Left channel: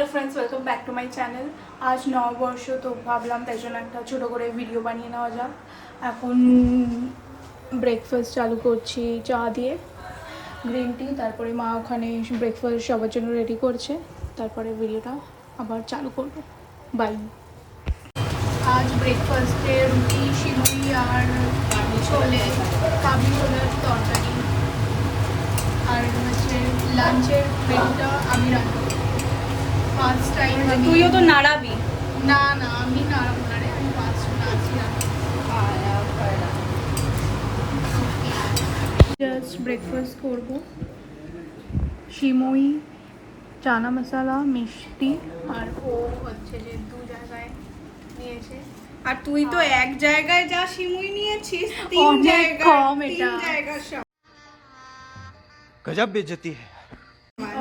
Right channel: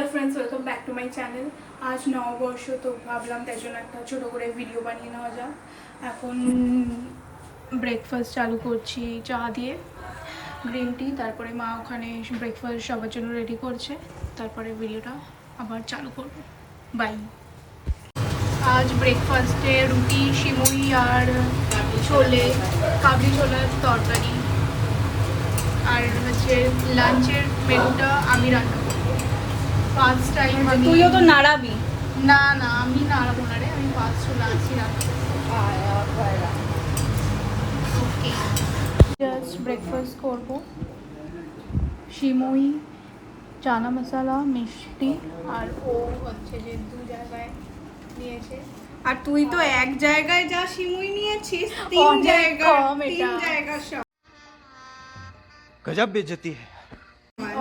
Hello friends welcome back to my channel আজ নববর্ষ তো ভাবলাম তাই জন্য একটা ছোটো করে ভিডিও বানিয়ে নেওয়া যাক। এখন ব্রেকফাস্ট চালু করছি চা দিয়ে গ্রিন টি তারপরে মা ওখানে ব্রেকফাস্ট সবার জন্য রেডি করছে। তারপরে ভিডিওটা আবার চালু করব। বাই আজ ব্রেকফাস্টে রুটি সিমুই আর ছোলে, কাবলি ছোলার তরকারি। আর হচ্ছে লাঞ্চের মেনুটা আমি রান্না ফার্স্ট টাইম আমি তুইও তো নাড়াবি না না আমি নাড়াবো না রে আমি ফার্স্ট নাচি না জাস্ট ব্রেকফাস্ট করবো শিমুই চানা মশলা মিষ্টি আর ও হচ্ছে যে দু জায়গায় নিয়ে এসে আর তুই তো এক জায়গায় যা শিমুই নিয়েছিস তিন জায়গা তিন জায়গা সব গজব বেজতি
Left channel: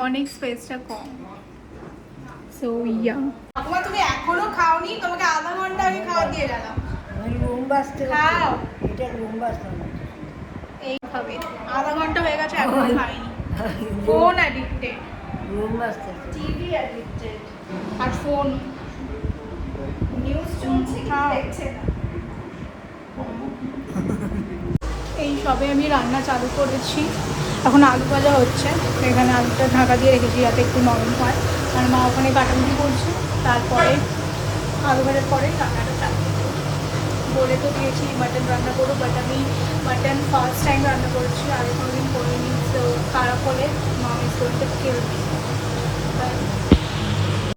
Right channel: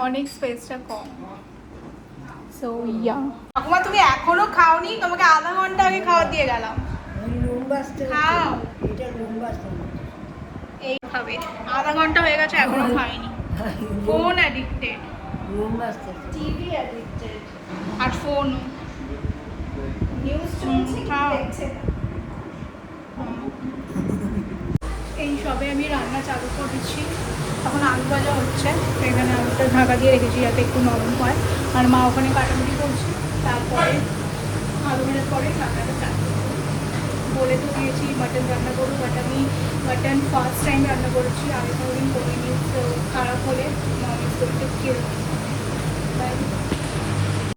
অনেক স্পেসটা কম সো ইয়া ঠাকুমা তুমি এখনও খাওনি? তোমাকে আধা ঘণ্টা আগে খাওয়া দিয়ে গেলাম। রুম খাও। এটা রুম এই খাবে। আধা ঘণ্টা হয়ে গেছে এখনও খাইনি। Phone addicted room TV addicted আর ফোন নিউজ চলছে কি দেখছে এই সবে আমি রান্না চালু করেছি। এখন আলু ভাজা হচ্ছে। এখানে আলুটা ঢাকা দিয়ে রেখেছি যাতে একটু নরম হয়। আর মা ওখানে কাটাকুটি করছে, তারপরে ভাজার পরে রান্নাটা চালু বলে তো দিয়েছি মাটন রান্না করো বাট আমি মাটন ফার্স্ট টাইম রান্না করেছি, আগে কোনোদিন করিনি, তো খারাপ হলে নমিস করতে কেউ তাই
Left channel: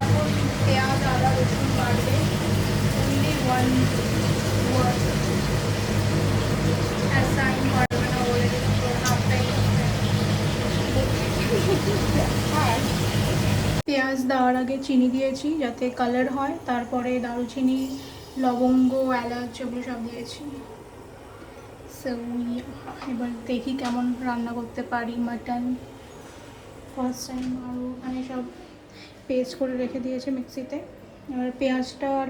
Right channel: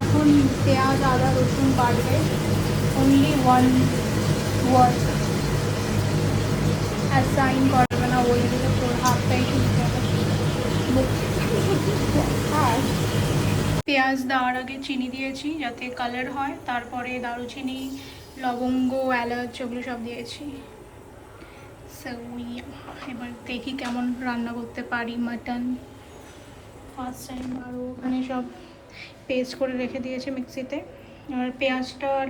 এখন পেঁয়াজ, আদা, রসুন বাড়বে অনলি ওয়ান ওয়ার্ড করবে পেঁয়াজ দেওয়ার আগে চিনি দিয়েছি যাতে কালার হয়। তারপরে দারুচিনি, লবঙ্গ, এলাচ ওগুলো সব দিয়েছি। এবার দেখি কেমন রান্না করতে পারি। মাটন ফার্স্ট টাইম আর ওখানে সব পেস্ট করে রেখে দিয়েছে মিক্সিতে। আর পেঁয়াজটা আর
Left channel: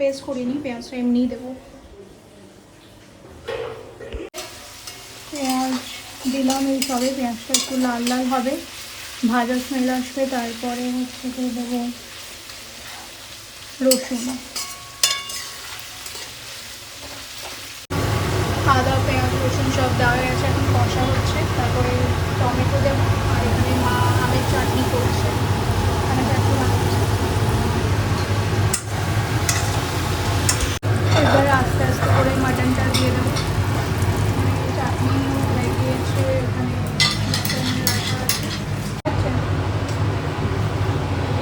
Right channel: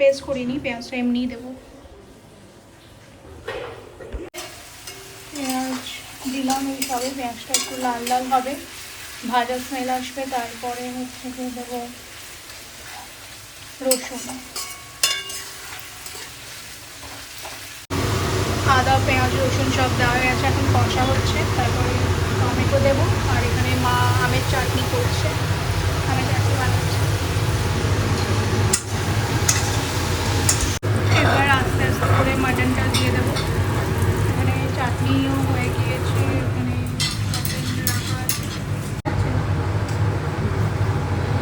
পেস্ট করিনি, পেঁয়াজটা এমনিই দেবো। পেঁয়াজ, দিলাম এই সবে পেঁয়াজটা একটু লাল লাল হবে। ভাজা স্মেল আসবে তারপরে হচ্ছে যে দেবো রসুন আদা পেঁয়াজ রসুন সব দেওয়া হয়ে গেছে এখন কষা হচ্ছে তারপরে টমেটো দেবো আর এখানে মা আমের চাটনি করছে আমের চাটনি বানাচ্ছে এবার আস্তে আস্তে করে মাটনটা দিয়ে দেবো এখানে চাটনিও হয়ে গিয়েছে এখানে মাটন রাখা আছে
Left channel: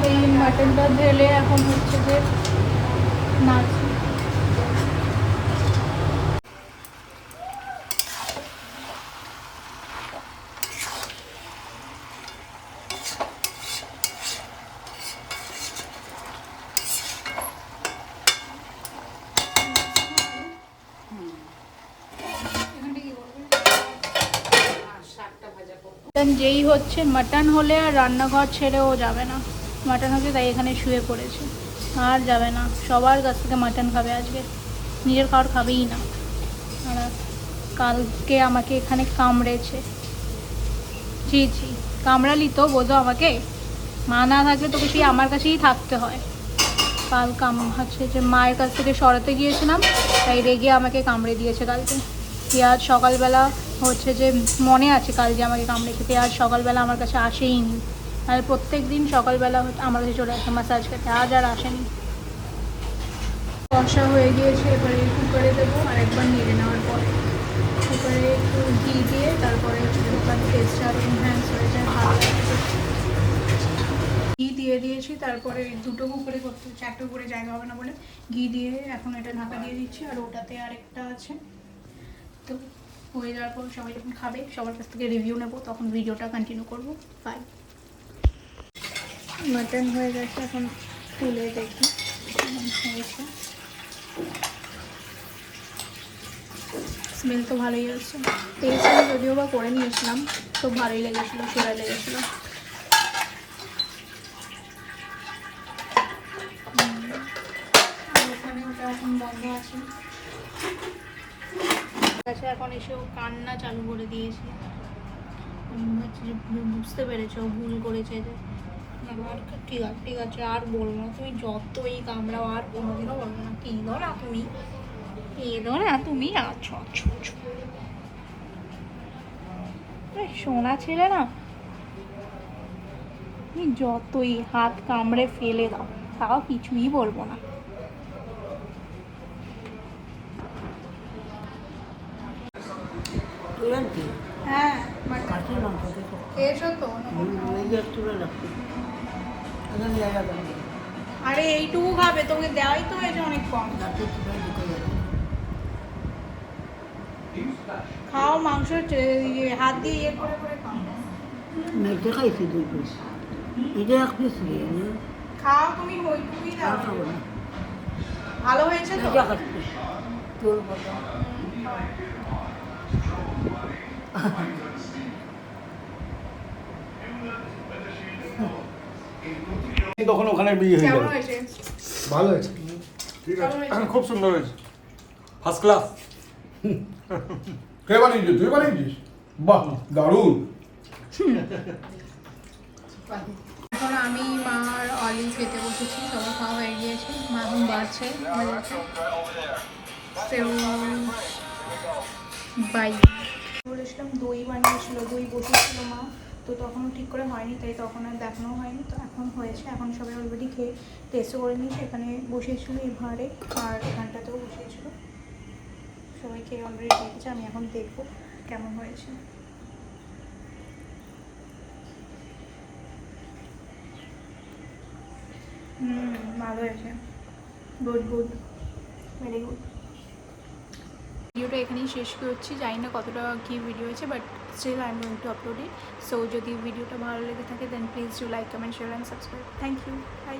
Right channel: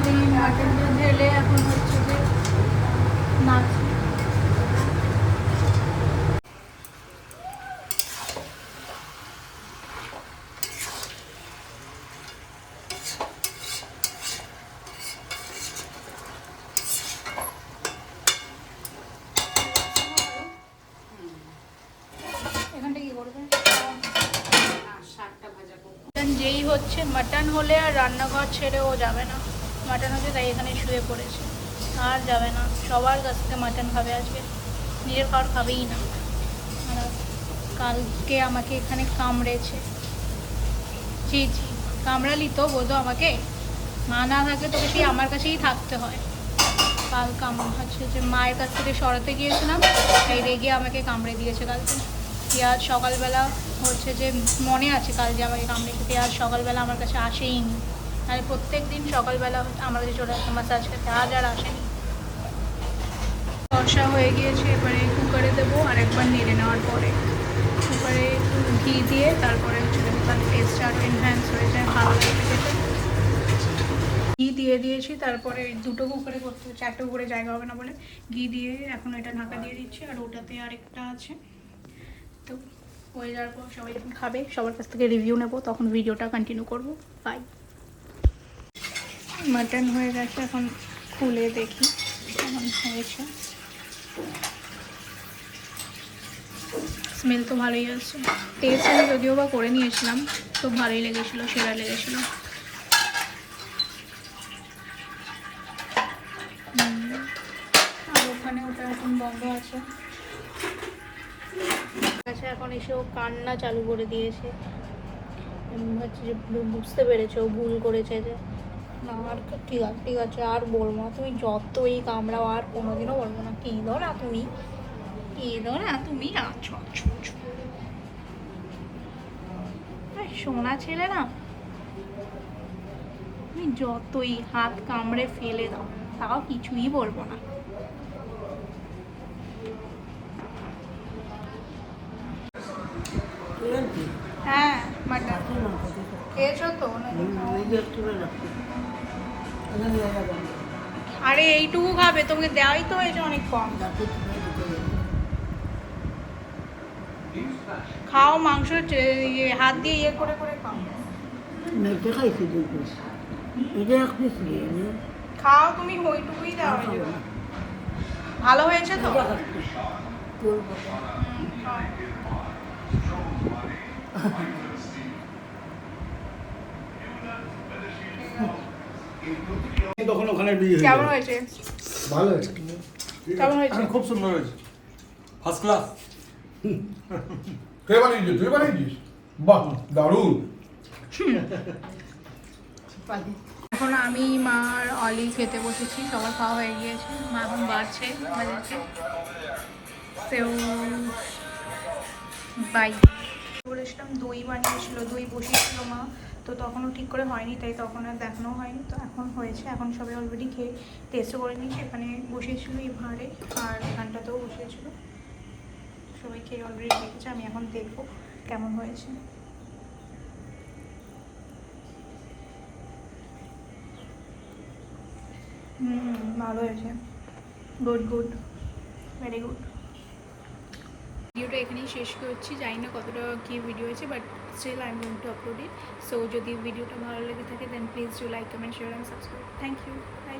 এই মাটনটা ঢেলে এখন হচ্ছে যে নাচি এখানটা কি করবে মাটন যেই হচ্ছে মাটন হলে আর রান্নাঘর ছেড়েও যাবে না। মাটন হচ্ছে তাই এখানে শুয়ে পড়েছে। আর যাবে না। সবার কাছ থেকে মাটন খাবে আজকে। নিজের কারোর খাবেই না। কালকে আমাকে এখানে কামড়েছে। জি জি কামড়ালি তো বোধো আমাকে। মা না থাকলে তোকে সেই আমার কাছেই থাকতে হয়। কাল কাম হচ্ছে যে মায়ের কাছ থেকে সরাতে গিয়েছিলাম, তাই রেগে আমাকে কামড়ে দিয়েছে কালকে। পেঁয়াজ সকালবেলা হচ্ছে যে মনে আছে কাল যে আমাকে কামড়েছে আর সকালবেলা আমার কাছে আসেই নি আর প্রত্যেক দিন সকালবেলা আমার কাছে চলে আসে মাসাজ খেতে আজ আর আসেনি। কষা হয়ে গিয়েছে, এবারে কুকারে দেবো আর একবার নেড়ে নেওয়ার পরে। কুকারে একটু ঘি দিয়ে তারপরে তার টেস্ট আরও এনহ্যান্স হয়ে যায় ভালো লাগে ঘি দিয়ে দিয়েছি, তারপরে দুটো কুকারে করতে চারটে করে জায়গা হবে না বলে। ঘি দিয়ে এখন এটা ঢাকা দিয়ে দিচ্ছি, আর ওটাতে আরেকটা আছে। তো হয়ে যাওয়ার পর সবাই যখন খাবে সবার কাছ থেকে রিভিউ নেব তখন ভিডিওটা কন্টিনিউ করব। বাই মাটন হয়ে গেছে এখন খুলে দেখি কেমন হয়েছে। স্মেল তো ভালোই আসছে। টেস্ট আমি যদিও বা করে নিয়েছিলাম তো ভালোই লেগেছিলো সেরা লেগেছিলো। আর ওখানে ওটা এখন বন্ধ আছে। আচ্ছা এখন এসে ও কান্না চালু করে দিয়েছে। বুঝতে পেরেছে, ও ভুল করেছে যে, আর ঠিক আছে ঠিক আছে, আর বলব না, তুমি যতই কামড়াও, আর কোনোদিনও বলব না। কেঁদো না তুমি? কেঁদো না তুমি? আছো সোনা ছেলে না, তুমি যতই হাত কামড়ে ফেলে দাও, তাও কিছুই বলব না তুই আনছি হ্যাঁ মাটন কাশির মাংস দেখো খেয়েছো তো ওই যে একটু রাখছি এখন জায়গা দেন আরে এইটুকু খাবে তোকে দেওয়াই তো হয়েছে অনেক কম। খাও মাংস ইয়ে, হাত দিয়ে ইয়ে করে করে খাও। মেয়েকে খাইছি দুই পিস। এটা এক পিস খাও তুমি ওইটুকুই দাও ভালো হয়েছে তো এটা খাচ্ছি তোর কথা তখন ওখানে বিয়ে হয়ে কেমন যাবে হয়েছে? ভালো হয়েছে। খুব সুন্দর হয়েছে। ফার্স্ট ক্লাস কে বানিয়েছিস? তুই বানিয়েছিস? বাহ দারুণ। এখন আমি মা আর অলি খেতে বসেছি। সবার খাওয়া হয়ে গিয়েছে। মা এখন বাড়ছে। বাই বলেছিলাম, দই বানিয়েছিল, দই বসিয়েছিল মা, তো তখনও ঠিক করে হয়নি, তাই তখন আর দেখানো হয়নি, তো এখন হয়েছে, এখন সবাই অলরেডি খেয়ে টেস্টও করে নিয়েছে, এখানে বসিয়েছিল এই ভাঁড়ে আর এখানটাতেও বসিয়েছিল। সবাই খেয়ে অলরেডি দেখেছে আমি এখন দেখব কেমন হয়েছে। হুম, ভালো হয়েছে। গুড গুড ভেরি গুড ভিডিওটা এখানেই শেষ করছি। জানি না কতটা কী ভিডিও হয়েছে but still I am going to upload it so যদি ভিডিওটা ভালো লেগে থাকে then please do like comment share and subscribe thank you bye